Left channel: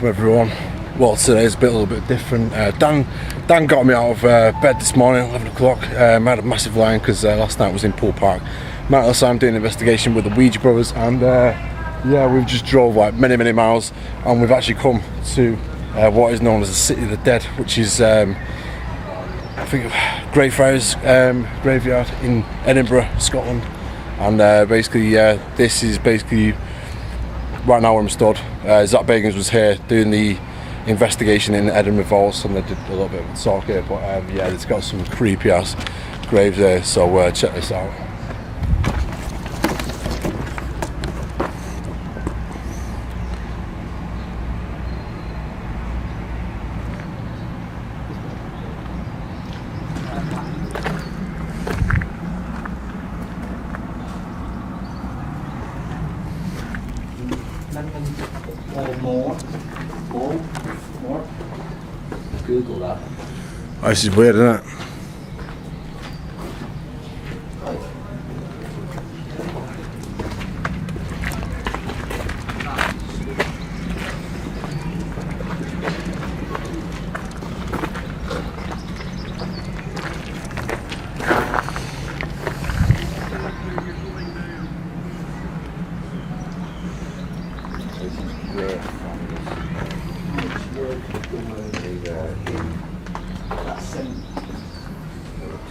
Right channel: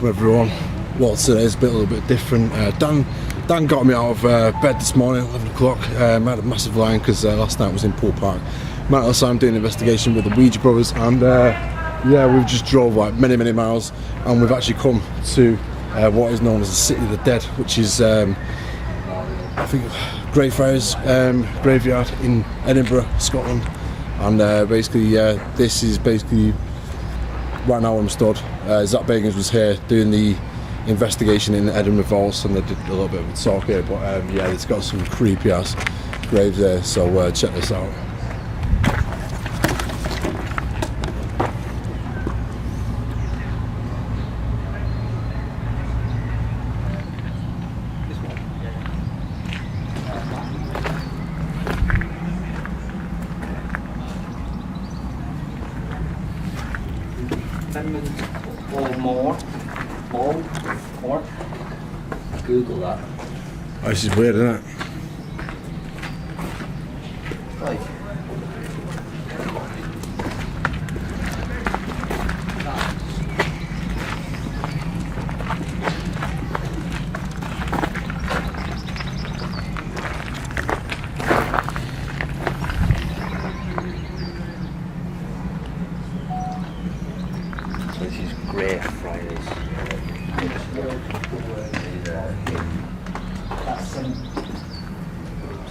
welcome everyone. Well, today's a little bit different. Dan got me out of bed this morning at 11 o'clock. I had a massive line because last night was in Pool Park. So I'm doing an investigation with the Ouija brothers, and yeah, we've just drove like many miles, and we've actually come to what is known as the City of the Dead, which is I think Greyfriars graveyard in Edinburgh, Scotland. And basically, this is basically right now where I'm stood. Zach Bagans was here doing the investigation in the Edinburgh vaults, and they did a little bit of a talk here. But yeah, it's got some creepy ass graves there. So check this out. More. Google that. Oh, this is weird, isn't it? This is Greyfriars.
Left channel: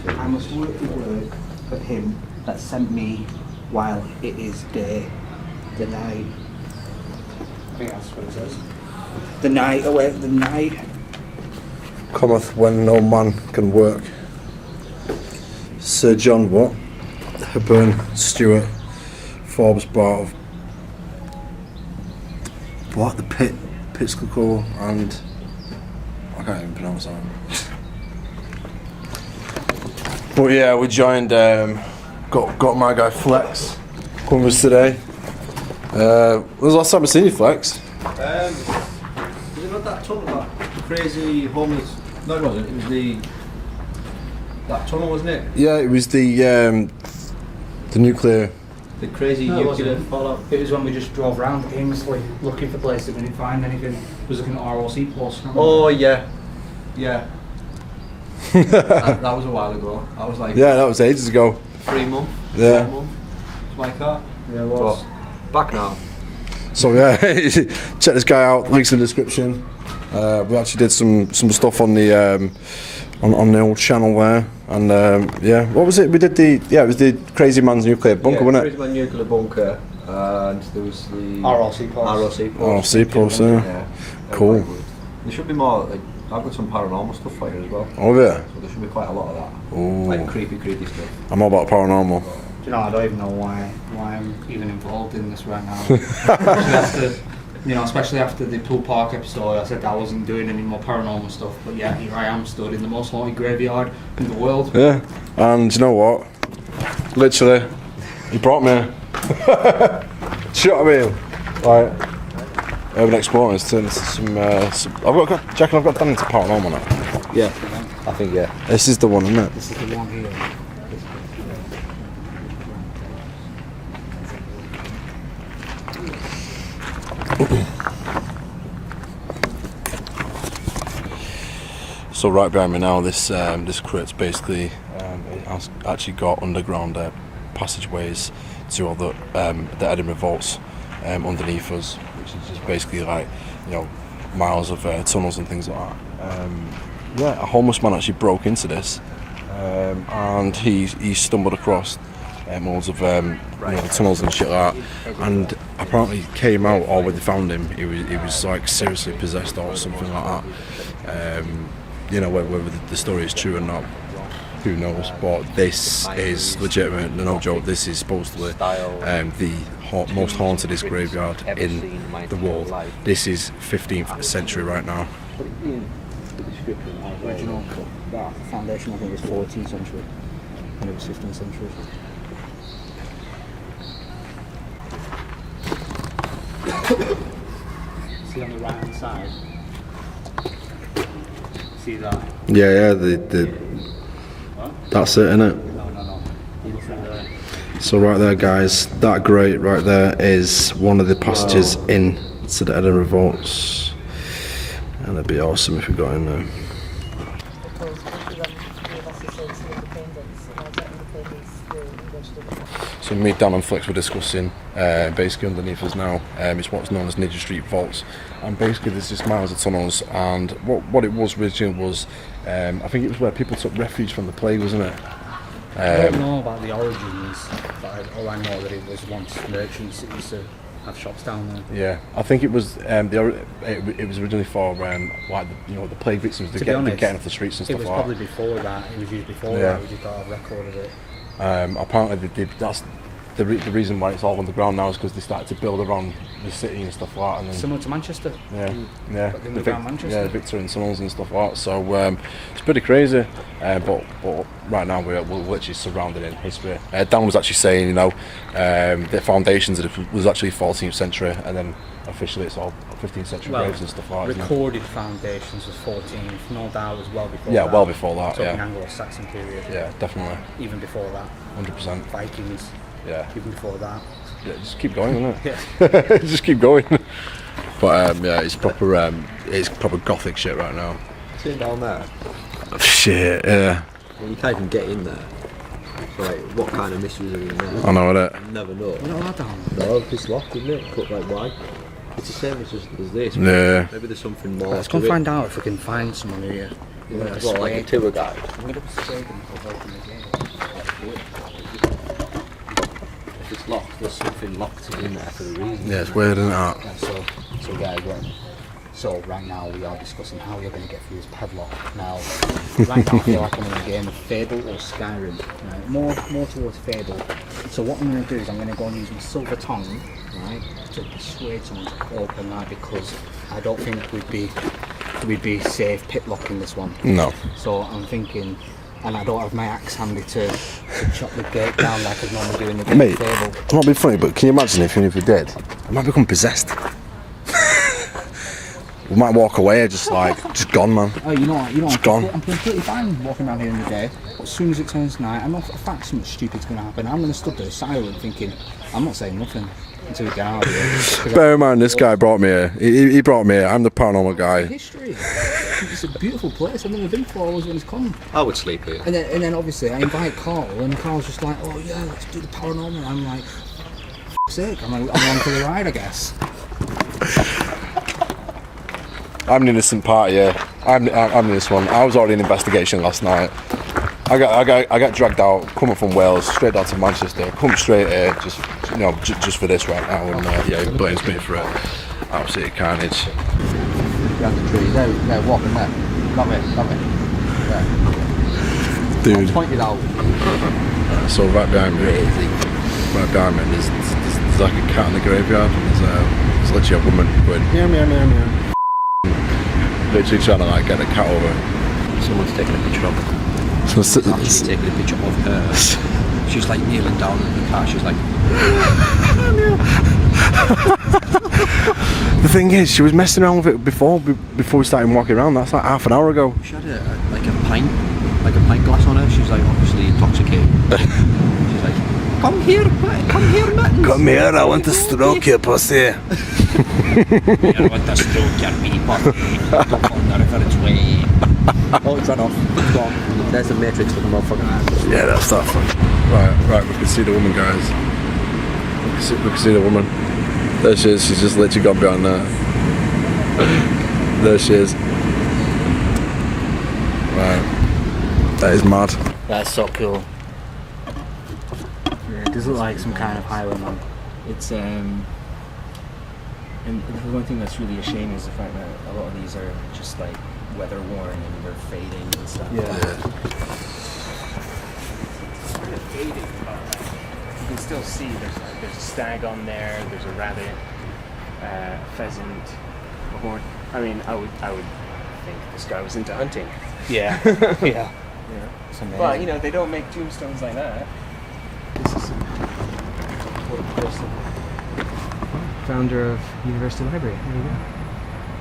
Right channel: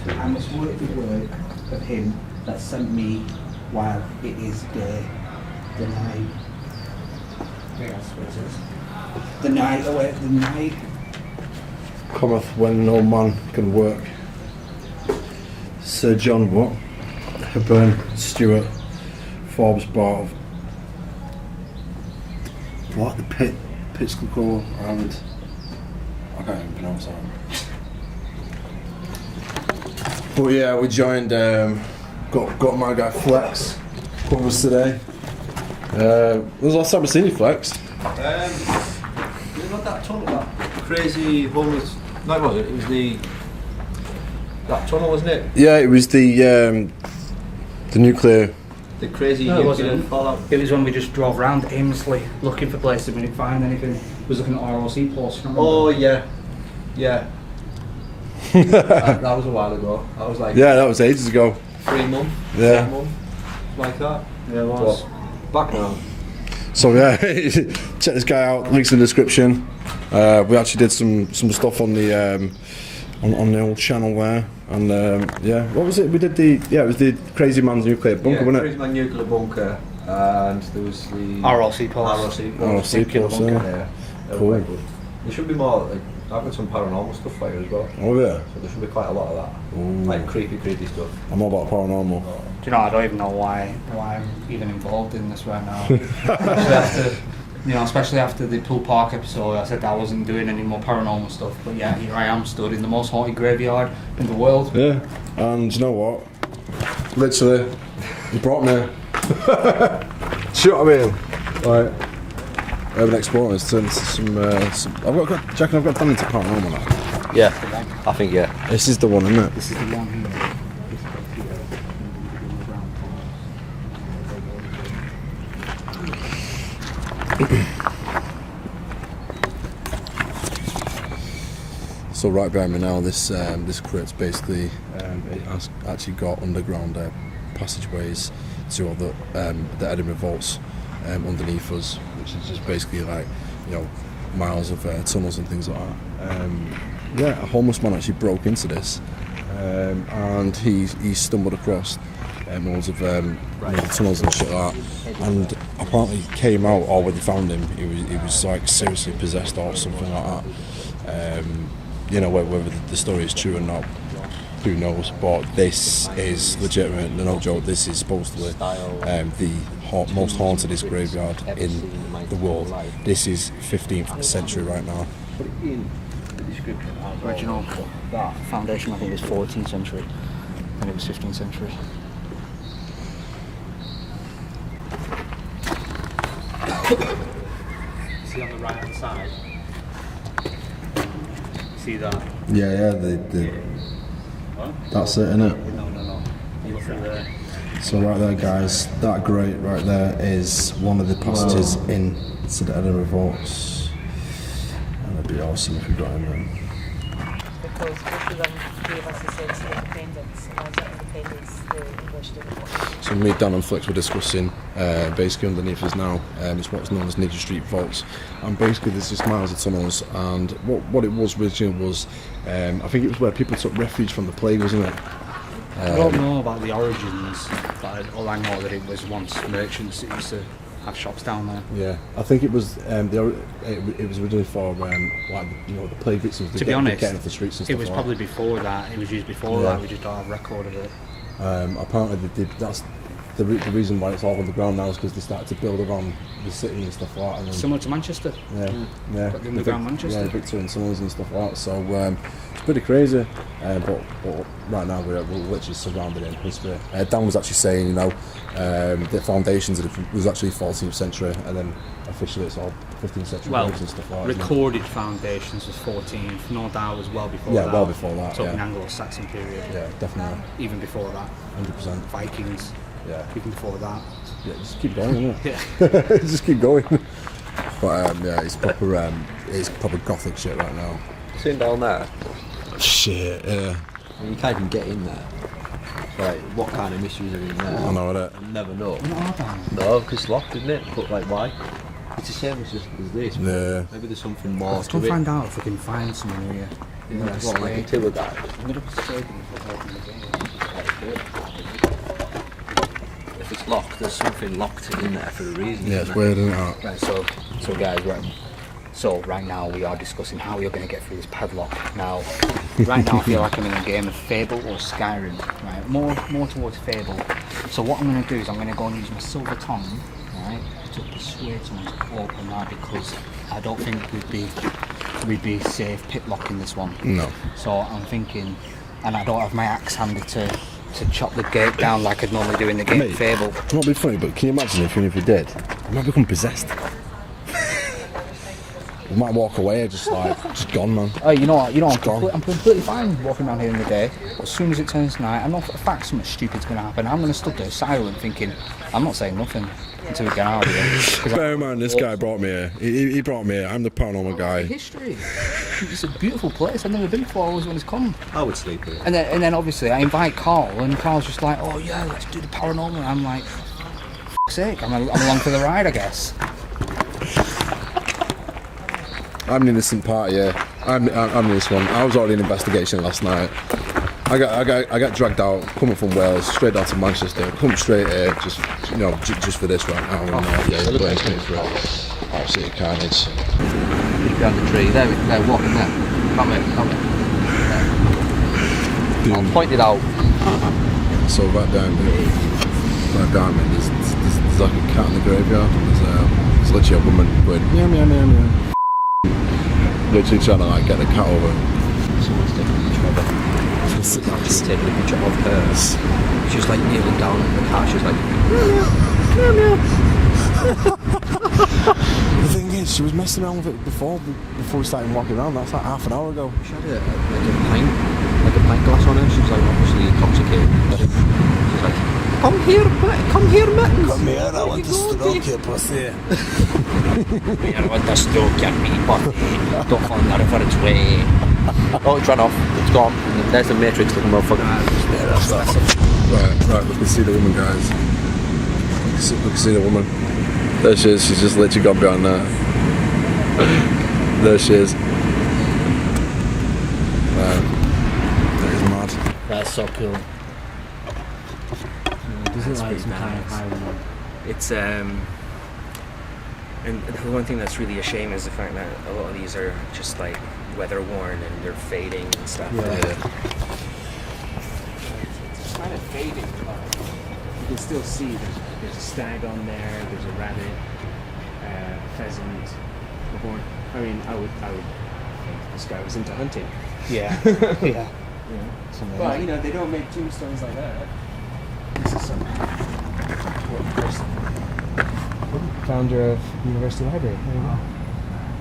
I must work the work of him that sent me while it is day, the night. The night away, the night. Cometh when no man can work. Sir John what? Hepburn Stewart, Forbes Bart, what? The Pittscall, and I can't even pronounce that. But yeah, we joined. Got my guy Flex with us today. When was the last time I seen you, Flex? Was it not that tunnel, that crazy homeless? No, it wasn't. It was that tunnel, wasn't it? Yeah, it was the nuclear. The crazy No, it nuclear wasn't. fallout. It was when we just drove around aimlessly looking for places, we didn't find anything. Was looking at ROC posts. Can't remember. Oh yeah. that was a while ago. That was like Yeah, that was ages ago. 3 months. Yeah. 4 months. It's like that. There was. But back now. So yeah, check this guy out. Links in the description. We actually did some stuff on the on the old channel there, and yeah, what was it? We did it was the Crazy Man's Nuclear Bunker, wasn't Crazy Man Nuclear Bunker, and there was the ROC posts. it? Oh, Seapost, yeah. Yeah. Cool. Quite good. There should be more. Like, I've got some paranormal stuff for you as well. Oh yeah. So there should be quite a lot of that. Ooh. Like creepy stuff. I'm all about paranormal. Do you know, I don't even know why I'm even involved in this right now. Especially after the Pool Park episode, I said I wasn't doing any more paranormal stuff, but yeah, here I am stood in the most haunted graveyard in the world. Yeah, and you know what? Literally, you brought me here. See what I mean? Like, urban exploring has turned into some I've got done into paranormal now. Yeah, I think yeah. This is the one, isn't it? This is the one here. This place here. So right behind me now, this crit's basically it has actually got underground passageways to all the Edinburgh vaults underneath us, which is just basically like, you know, miles of tunnels and things like that. Yeah, a homeless man actually broke into this, and he stumbled across loads of the tunnels and shit like that, and apparently came out, or when they found him, he was like seriously possessed or something like that. Whether the story is true or not, who knows? But this is legitimate, no joke. This is supposedly the most hauntedest graveyard in the world. This is 15th century right now. Put it in the description. Original foundation, I think, is 14th century, and it was 15th century. See on the right hand side. See that? Yeah, that's it, innit? No. So right there, guys, that grate right there is one of the passages into the Edinburgh vaults. be awesome if we got in there. Because both of them gave us a sense of independence, and as that independence, they washed it. So me, Dan and Flex were discussing, basically underneath us now, it's what's known as Ninja Street Vaults, and basically there's just miles of tunnels, and what it was originally was, I think it was where people took refuge from the plague, wasn't it? I don't know about the origins, but all I know that it was once merchants that used to have shops down there. Yeah, I think it was it was originally for like the plague victims to be honest, getting off the streets and stuff. It was like probably that. before that. It was used before that. We just don't have a record of it. Apparently they did. That's the reason why it's all underground now is because they started to build around the city and stuff like that. And then, Similar to Manchester. Yeah. But the underground Manchester. Yeah, the Victorian tunnels and stuff like that. So it's pretty crazy. But right now we're literally surrounded in history. Dan was actually saying, the foundations was actually 14th century, and then officially it's all 15th century graves and stuff like that. Recorded foundations was 14th. No doubt it was well before Yeah, that. well before that. Talking Anglo-Saxon period. Yeah, definitely. Even before that. 100%. Vikings. Yeah. Even before that. Yeah, just keep going, isn't it? Yeah. Just keep going. But yeah, it's proper Gothic shit right now. See down there? Shit, yeah. I mean, you can't even get in there. So, like, what kind of mysteries are in there? I know it. You never know. We're not allowed down there. No, because it's locked, isn't it? But like, why? It's the same as this. But Yeah. maybe there's something more Let's to go it. find out if we can find someone here. Yeah, well, like a tour guide. I'm going to persuade them to open the gate. If it's locked, there's something locked in there for the reason. Yeah, it's weird, isn't it? Right, so guys, right now we are discussing how you're going to get through this padlock. Now, right now I feel like I'm in a game of Fable or Skyrim, right? More towards Fable. So what I'm going to do is I'm going to go and use my silver tongue, right, to persuade someone to open that, because I don't think we'd be safe pitlocking this one. No. So I'm thinking, and I don't have my axe handy to chop the gate down like I'd normally do in the game of Fable. It might be funny, but can you imagine if we did? We might become possessed. We might walk away just gone, man. Oh, you know what? gone. I'm completely fine walking around here in the day. But as soon as it turns night, I know for a fact something stupid's going to happen. I'm going to stood there silent, thinking, I'm not saying nothing until we get out of here. Bear in mind, this guy brought me here. He brought me here. I'm the paranormal guy. History. It's a beautiful place. I've never been before. Always when it's come. I would sleep here. And then obviously I invite Carl, and Carl's just like, oh yeah, let's do the paranormal. And I'm like, f***'s sake, I'm along for the ride, I guess. I'm an innocent party, yeah. I'm this one. I was already in investigation last night. I got dragged out, coming from Wales, straight down to Manchester, come straight here, just for this right now, and yeah, he blames me for it. Absolute carnage. Just behind the tree. There, walking there. That way. There. Dude. I'll point it out. So right behind me, there's like a cat in the graveyard, and there's literally a woman going meow meow meow meow. Literally trying to get the cat over. Someone's taking a picture of her. Someone's actually taking a picture of her. She's like kneeling down at the cat. She's like meow meow. The thing is, she was messing around with it before we started walking around. That's like half an hour ago. She had a pint glass on her. She's like obviously intoxicated. She's like, come here, Mittens. Come here, I want to stroke your pussy. I want to stroke your wee pussy. Don't on the river's way. Oh, it's run off. It's gone. There's the Matrix looking motherfucker. Yeah, that's right. We can see the woman, guys. We can see the woman. There she is. She's just literally gone behind there. There she is. Right. That is mad. That's so cool. Yeah, it does look like some kind of Highland. It's and the one thing that's really a shame is the fact that a lot of these are just like weather worn and they're fading and stuff. Yeah. It's kind of fading, but you can still see there's a stag on there. There's a rabbit, pheasant, a horn. I mean, I would think this guy was into hunting. Yeah. Yeah. But they don't make tombstones like that. This is some important person. Founder of University Library. There you go.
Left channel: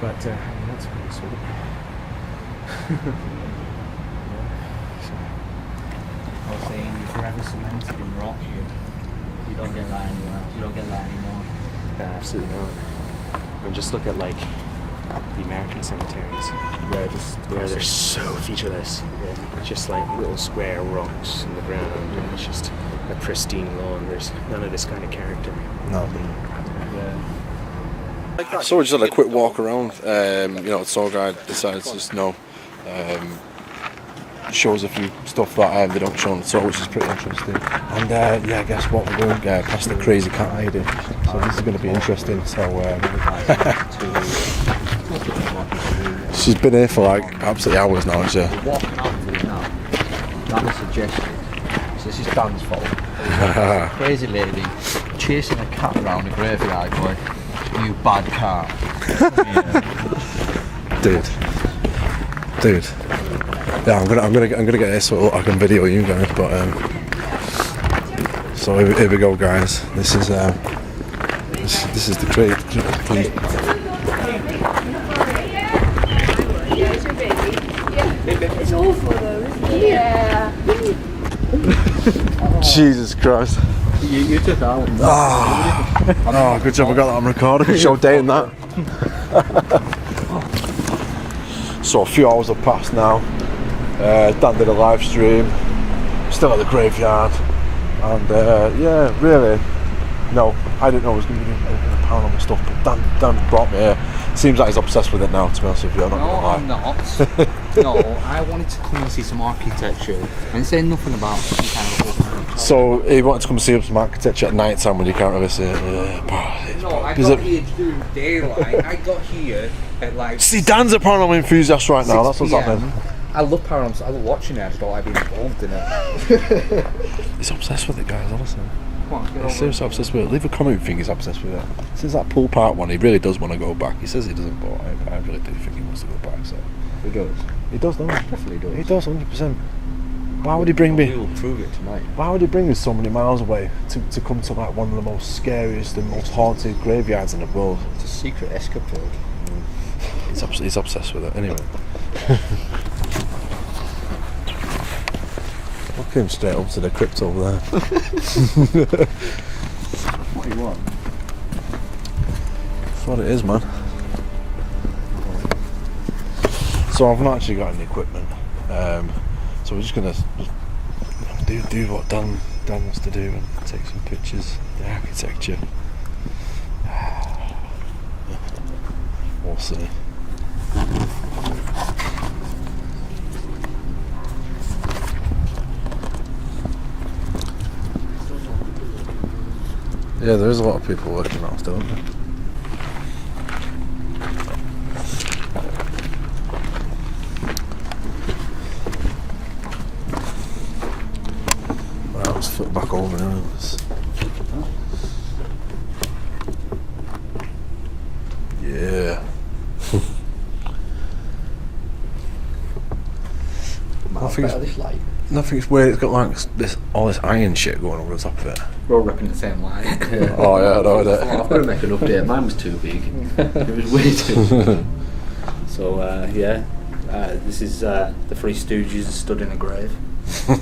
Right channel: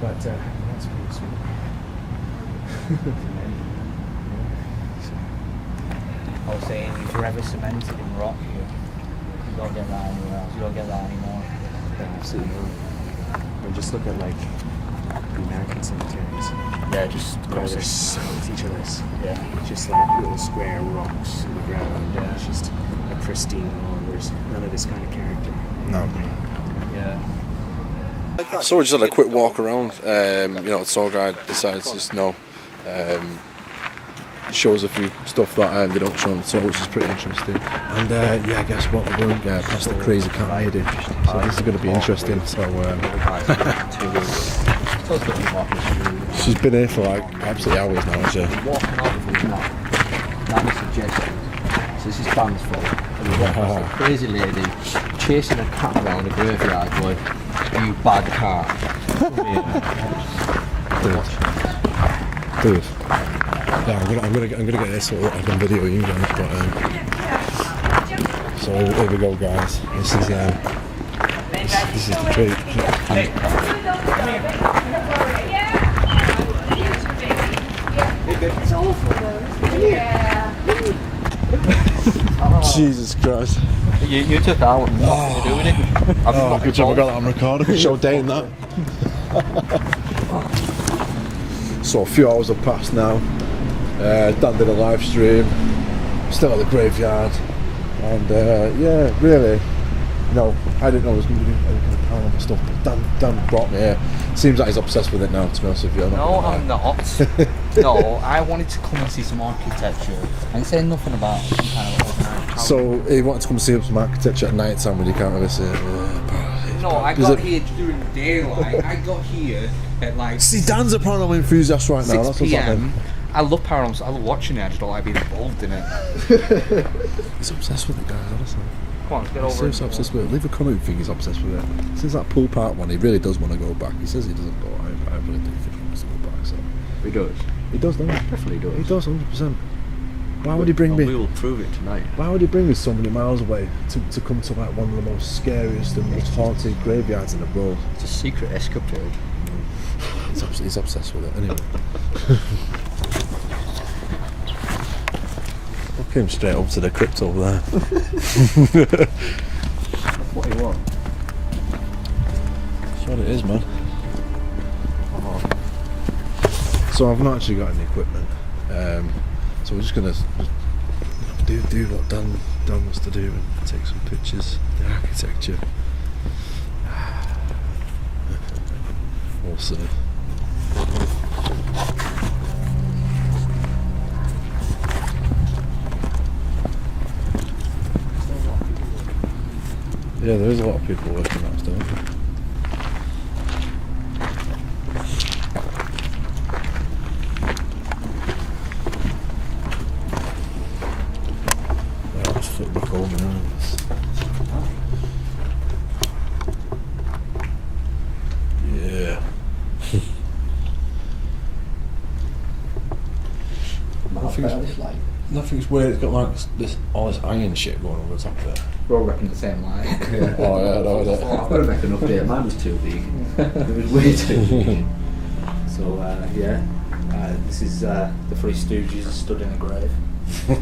But that's pretty sweet. I was saying, you've forever cemented in rock here. You don't get that anywhere else. You don't get that anymore. Yeah, absolutely. And just look at the American cemeteries. Yeah, just where there's so featureless. Yeah, just like little square rocks in the ground, and it's just a pristine lawn. There's none of this kind of character. No. Yeah. So we just had a quick walk around. You know, the tour guide decides to just shows a few stuff that they don't show on the tour, which is pretty interesting. And yeah, guess what, we're going past the crazy cat hiding. So this is going to be interesting. So she's been here for like absolutely hours now, is she? Walking out of it now. That was suggested. So this is Dan's fault. A crazy lady chasing a cat around a graveyard going, "You bad cat." Dude. Yeah, I'm gonna get this so I can video you guys. But so here we go, guys. This is the crate. It's awful though. Yeah. Jesus Christ. You took that one. Oh, good job I got that on record. I could show Dane that. So a few hours have passed now. Dan did a live stream. Still at the graveyard. And yeah, really, no, I didn't know I was going to be doing any kind of paranormal stuff, but Dan brought me here. Seems like he's obsessed with it now, to be honest with you, I'm not going to lie. I'm not. No, I wanted to come and see some architecture and say nothing about some kind of old man. So he wanted to come and see some architecture at night time when you can't really see it. No, I got here during daylight. I got here at like. See, Dan's a paranormal enthusiast right now, that's what's 6 happening. I love paranormal. I love watching it. I just don't like being involved in it. He's obsessed with it, guys, honestly. He's seriously obsessed with it. Leave a comment if you think he's obsessed with it. Since that pool park one, he really does want to go back. He says he doesn't, but I really do think he wants to go back. So He does. he does, doesn't he? Definitely does. He does, 100%. Why would he bring We me? will prove it tonight. Why would he bring us so many miles away to come to like one of the most scariest and most haunted graveyards in the world? It's a secret escapade. He's obsessed with it. Anyway. Look him straight up to the crypt over there. What do you want? That's what it is, man. So I've not actually got any equipment. So we're just gonna do what Dan wants to do and take some pictures of the architecture. We'll see. Yeah, there is a lot of people working off, don't there? Well, let's flip back over now. Yeah. Nothing's weird. It's got like all this iron shit going over the top of it. We're all ripping the same light. Oh yeah, I know that. I've got to make an update. Mine was too big. It was way too big. So yeah, this is the Three Stooges stood in a grave. I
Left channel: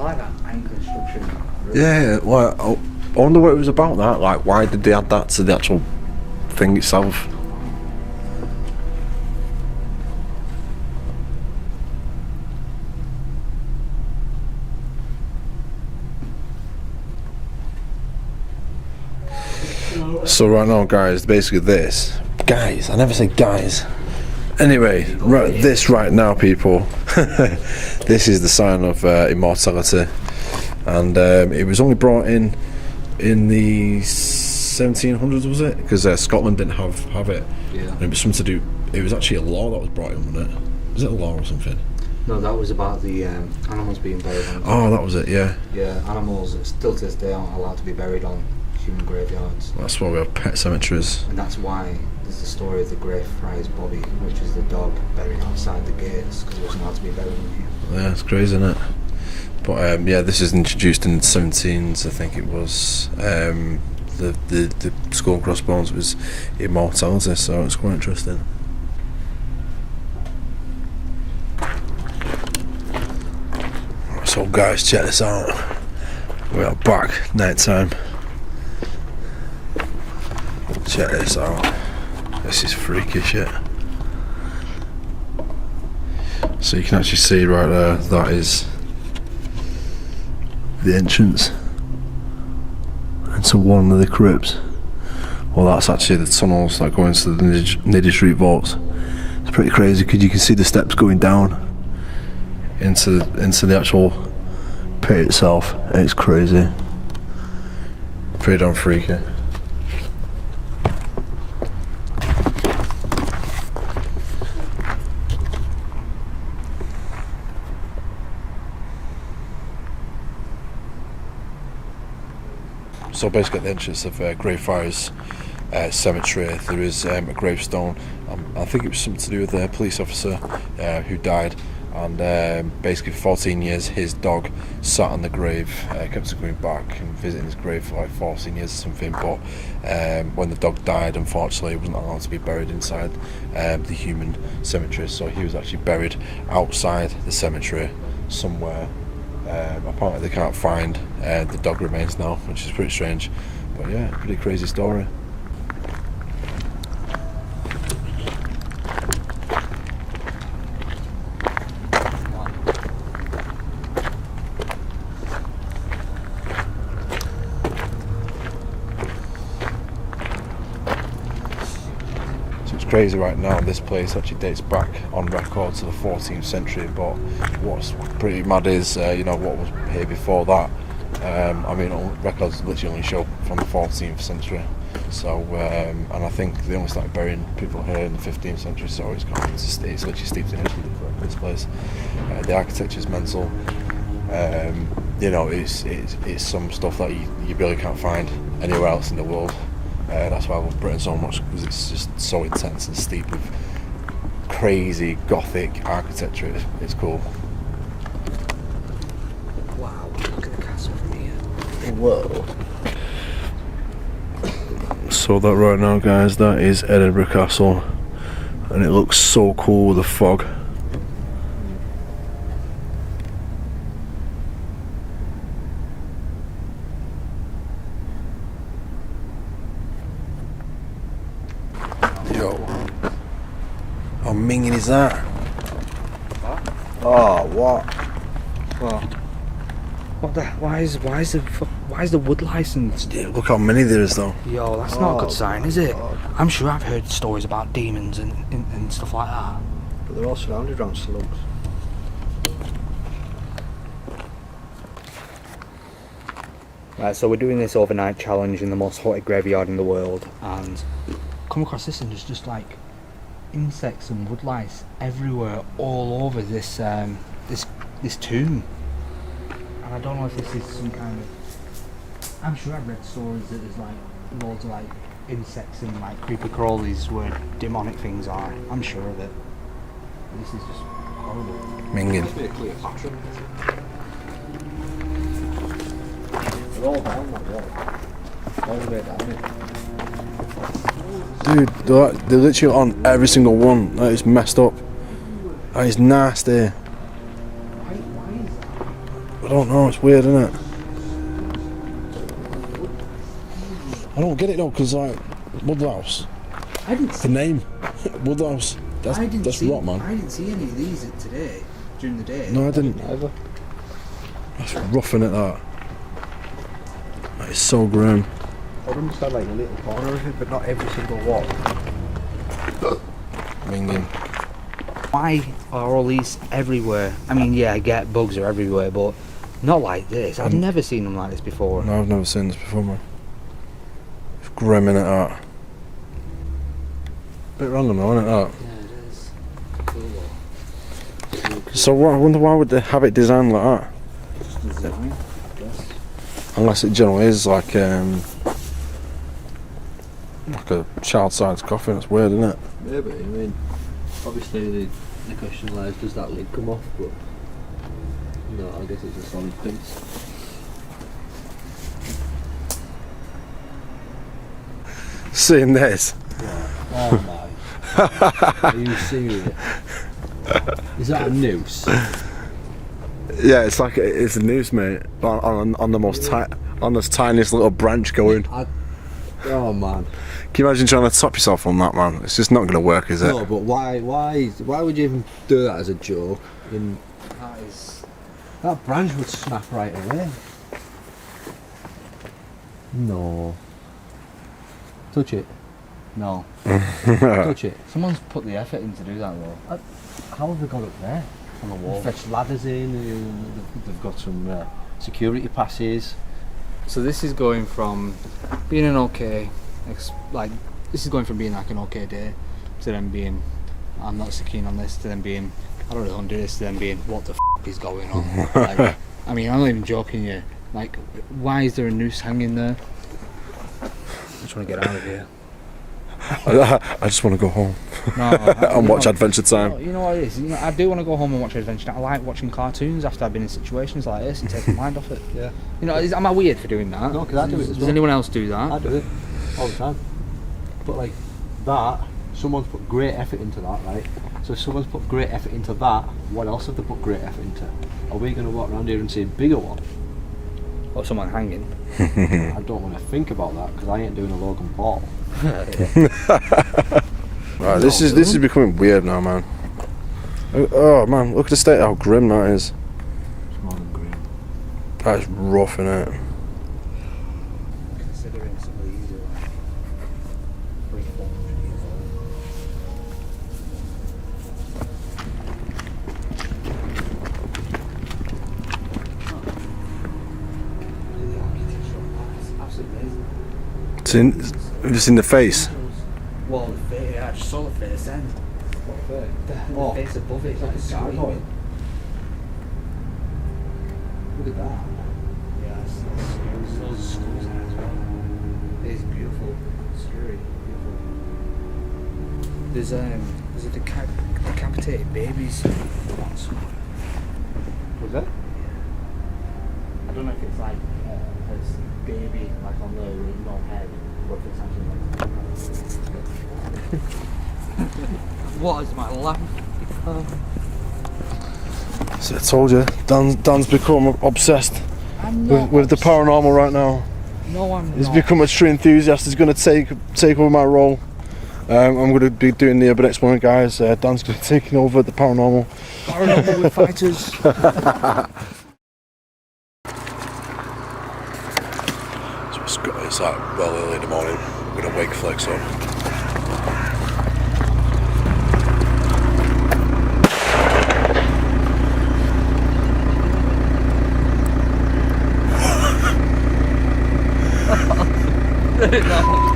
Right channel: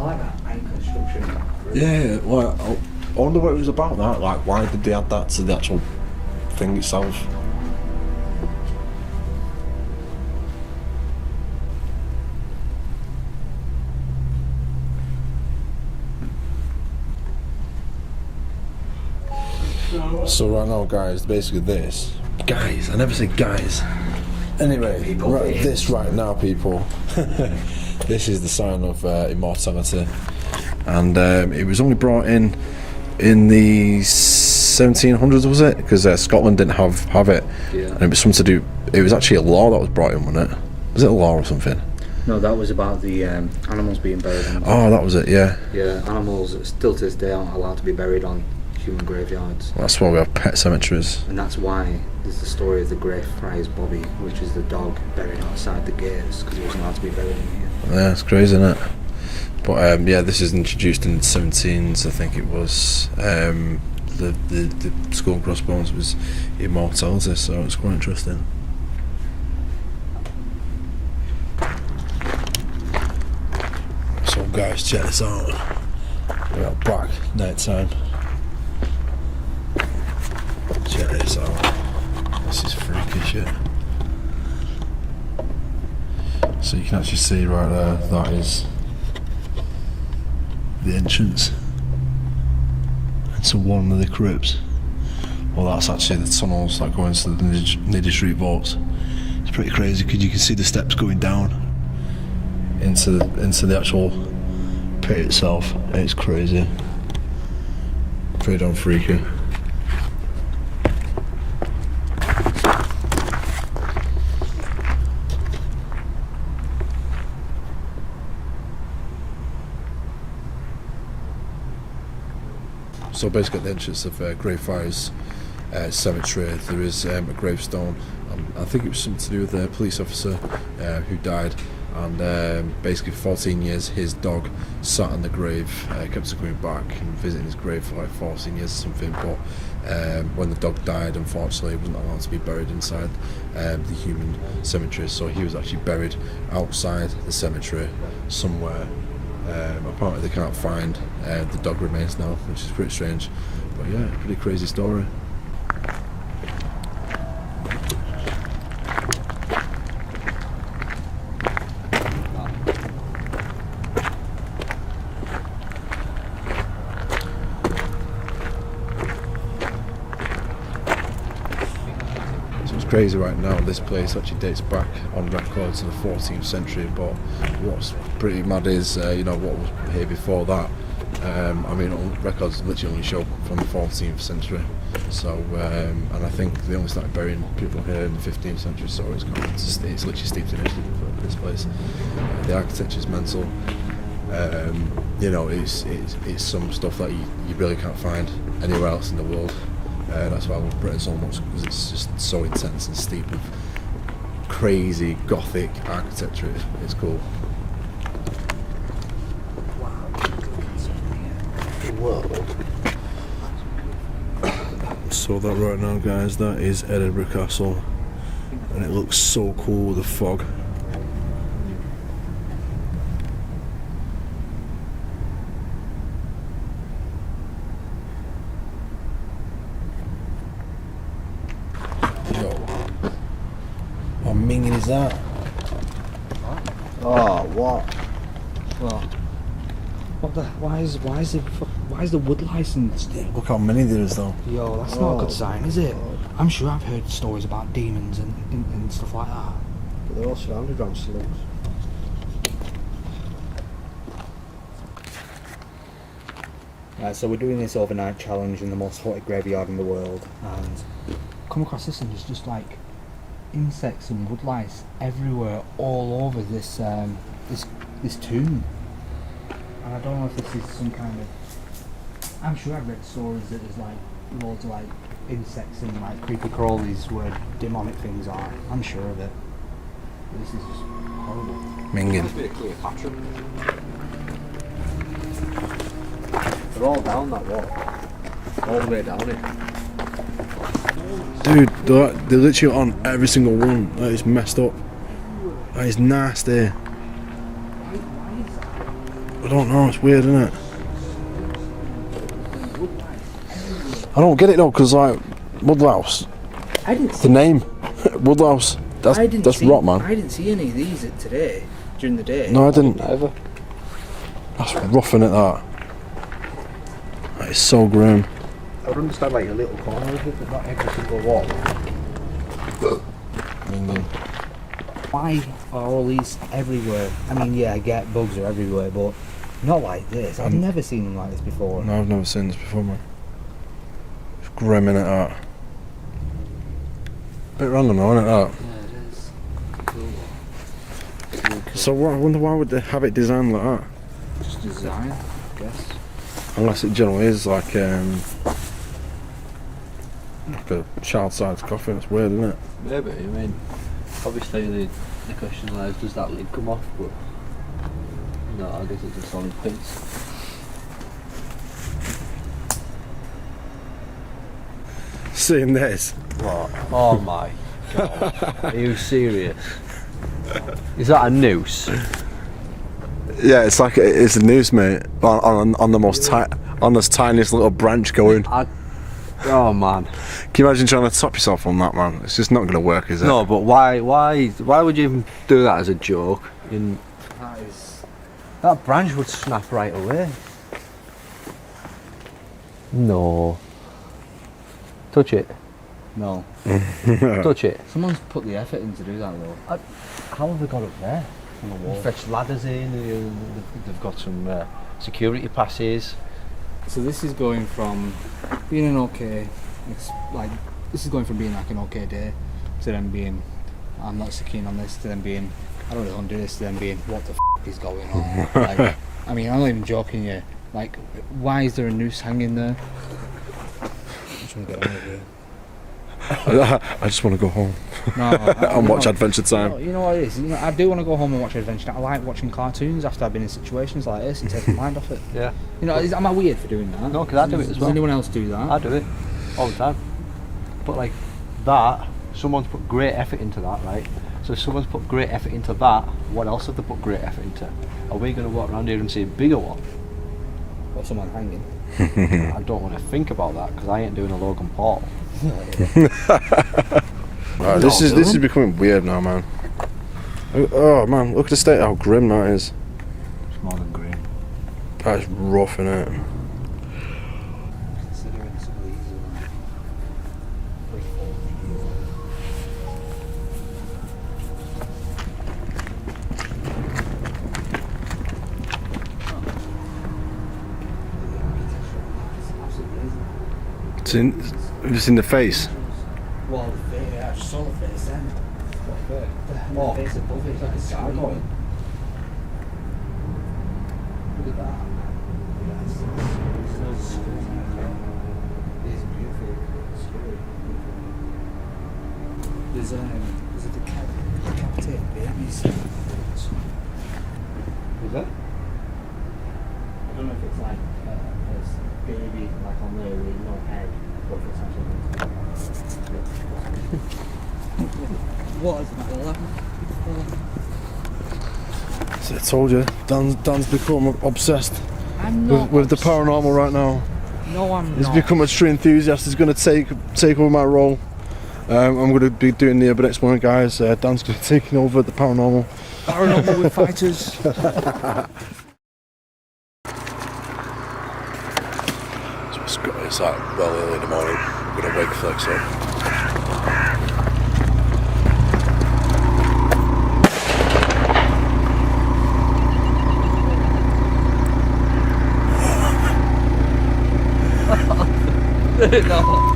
like that iron construction. Yeah, well, I wonder what it was about that. Like, why did they add that to the actual thing itself? So right now, guys, basically this. Guys, I never say guys. Anyway, this right now, people. This is the sign of immortality, and it was only brought in the 1700s, was it? Because Scotland didn't have it, and it was something to do. It was actually a law that was brought in, wasn't it? Was it a law or something? No, that was about the animals being buried. Oh, that was it. Yeah. Yeah, animals still to this day aren't allowed to be buried on human graveyards. Well, that's why we have pet cemeteries. And that's why there's the story of the Greyfriars Bobby, which is the dog buried outside the gates because he wasn't allowed to be buried in here. Yeah, it's crazy, isn't it? But yeah, this is introduced in the 17s, I think it was. The skull and crossbones was immortality, so it's quite interesting. So guys, check this out. We are back, night time. Check this out. This is freaky shit. So you can actually see right there, that is the entrance into one of the crypts. Well, that's actually the tunnels that go into the Niddy Street vault. It's pretty crazy because you can see the steps going down into the actual pit itself. It's crazy. Pretty damn freaky. So basically at the entrance of Greyfriars cemetery there is a gravestone. I think it was something to do with a police officer who died, and basically for 14 years his dog sat on the grave, kept on going back and visiting his grave for like 14 years or something, but when the dog died, unfortunately he wasn't allowed to be buried inside the human cemetery, so he was actually buried outside the cemetery somewhere. Apparently they can't find the dog remains now, which is pretty strange, but yeah, pretty crazy story. Crazy right now, this place actually dates back on record to the 14th century, but what's pretty mad is you know, what was here before that. I mean, records literally only show from the 14th century, so and I think they only started burying people here in the 15th century, so it's literally steeped in history for this place. The architecture is mental. You know, it's some stuff that you really can't find anywhere else in the world. That's why I love Britain so much, because it's just so intense and steep with crazy Gothic architecture. It's cool. Wow, look at the castle from here. So that right now, guys, that is Edinburgh Castle, and it looks so cool with the fog. Yo, how minging is that? Oh, what? What the? Why is the wood licensed? Yeah, look how many there is though. Yo, that's not a good sign, is it? I'm sure I've heard stories about demons and stuff like that. But they're all surrounded around slums. Right, so we're doing this overnight challenge in the most haunted graveyard in the world, and Come across this and there's just like insects and woodlice everywhere, all over this this tomb. And I don't know if this is some kind of. I'm sure I've read stories that there's like loads of like insects and like creepy crawlies where demonic things are. I'm sure of it. But this is just horrible. Minging. Must be a Cleopatra. They're all down that wall. All the way down it. Dude, they're literally on every single one. That is messed up. That is nasty. Why is that? I don't know, it's weird, isn't it? I don't get it though, because like, Woodlouse, I didn't the name, Woodlouse, that's rot, man. I didn't see any of these today, during the day. No, I didn't. Either. That's roughing it, that. That is so grim. I would understand like a little corner of it, but not every single wall. Minging. Why are all these everywhere? I mean, yeah, I get bugs are everywhere, but not like this. I've never seen them like this before. No, I've never seen this before, man. It's grim, innit, that? Bit random though, innit, that? Yeah, it is. So what, I wonder why would they have it designed like that? Just design, I guess. Unless it generally is like a child-sized coffin. It's weird, isn't it? Maybe, I mean, obviously the question lies, does that lid come off? But no, I guess it's a solid piece. Seeing this. What? Oh my God. Are you serious? Is that a noose? Yeah, it's like it's a noose, mate. On the most on this tiniest little branch going. Oh man. Can you imagine trying to top yourself on that, man? It's just not going to work, is it? No, but why would you even do that as a joke? That branch would snap right away. No. Touch it. No. Touch it. Someone's put the effort in to do that though. How have they got up there? On the wall. Fetched ladders in. They've got some security passes. So this is going from being an okay, this is going from being like an okay day to then being, I'm not so keen on this, to then being, I don't really want to do this, to then being, what the f is going on? Like, I mean, I'm not even joking here. Like, why is there a noose hanging there? I just want to get out of here. I just want to go home and watch Adventure Time. You know what it is? You know, I do want to go home and watch Adventure Time. I like watching cartoons after I've been in situations like this and take my mind off it. Yeah. You know, am I weird for doing that? No, because I do it as well. Does anyone else do that? I do it all the time. But like that, someone's put great effort into that, right? So if someone's put great effort into that, what else have they put great effort into? Are we going to walk around here and see a bigger one? Or someone hanging? I don't want to think about that because I ain't doing a Logan Paul. Right, this is becoming weird now, man. Oh man, look at the state how grim that is. It's more than green. That is rough, innit? Considering some of these are like 300-400 years It's in the face. Well, the face, yeah, I just saw the face then. Oh. The face above it, it's like a gargoyle. Look at that. Yeah, there's loads of skulls in it as well. It is beautiful, scary, beautiful. There's a decapitated babies. Is it? I don't know if it's like a baby like on there with no head, or if it's actually like what is my lamp? So I told you, Dan's become obsessed I'm not with the paranormal right now. No, I'm He's not. become a true enthusiast. He's going to take over my role. I'm going to be doing the next one, guys. Dan's going to be taking over the paranormal. Paranormal with fighters. It's like well early in the morning. I'm going to wake Flex up. No.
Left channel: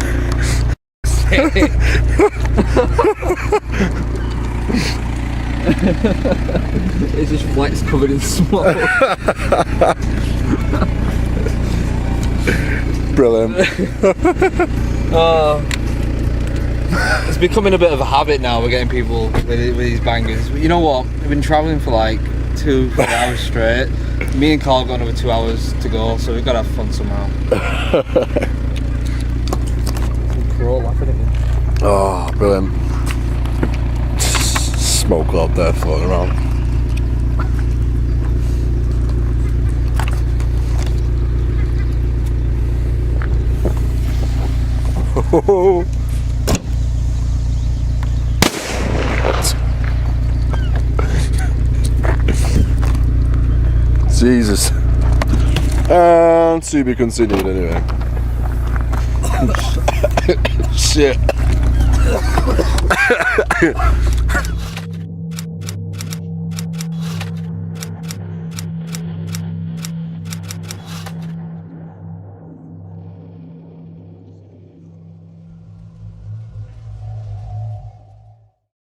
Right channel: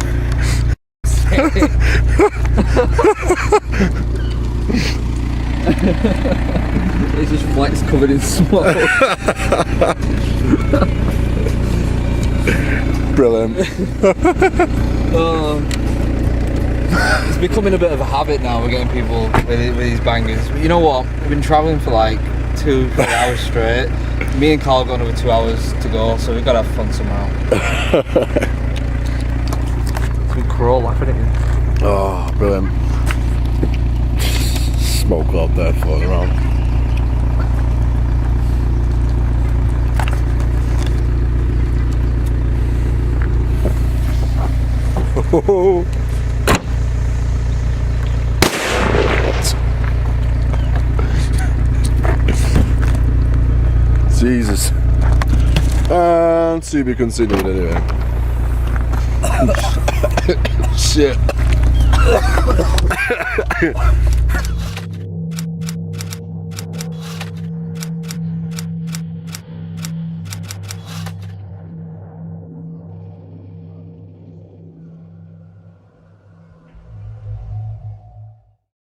It's just Flex covered in smoke. Brilliant. It's becoming a bit of a habit now. We're getting people with these bangers. But you know what? We've been travelling for like 2-3 hours straight. Me and Carl got another 2 hours to go, so we've got to have fun somehow. We crawl laughing at it. Oh, brilliant. Smoke out there floating around. Jesus. And to be continued anyway. Shit.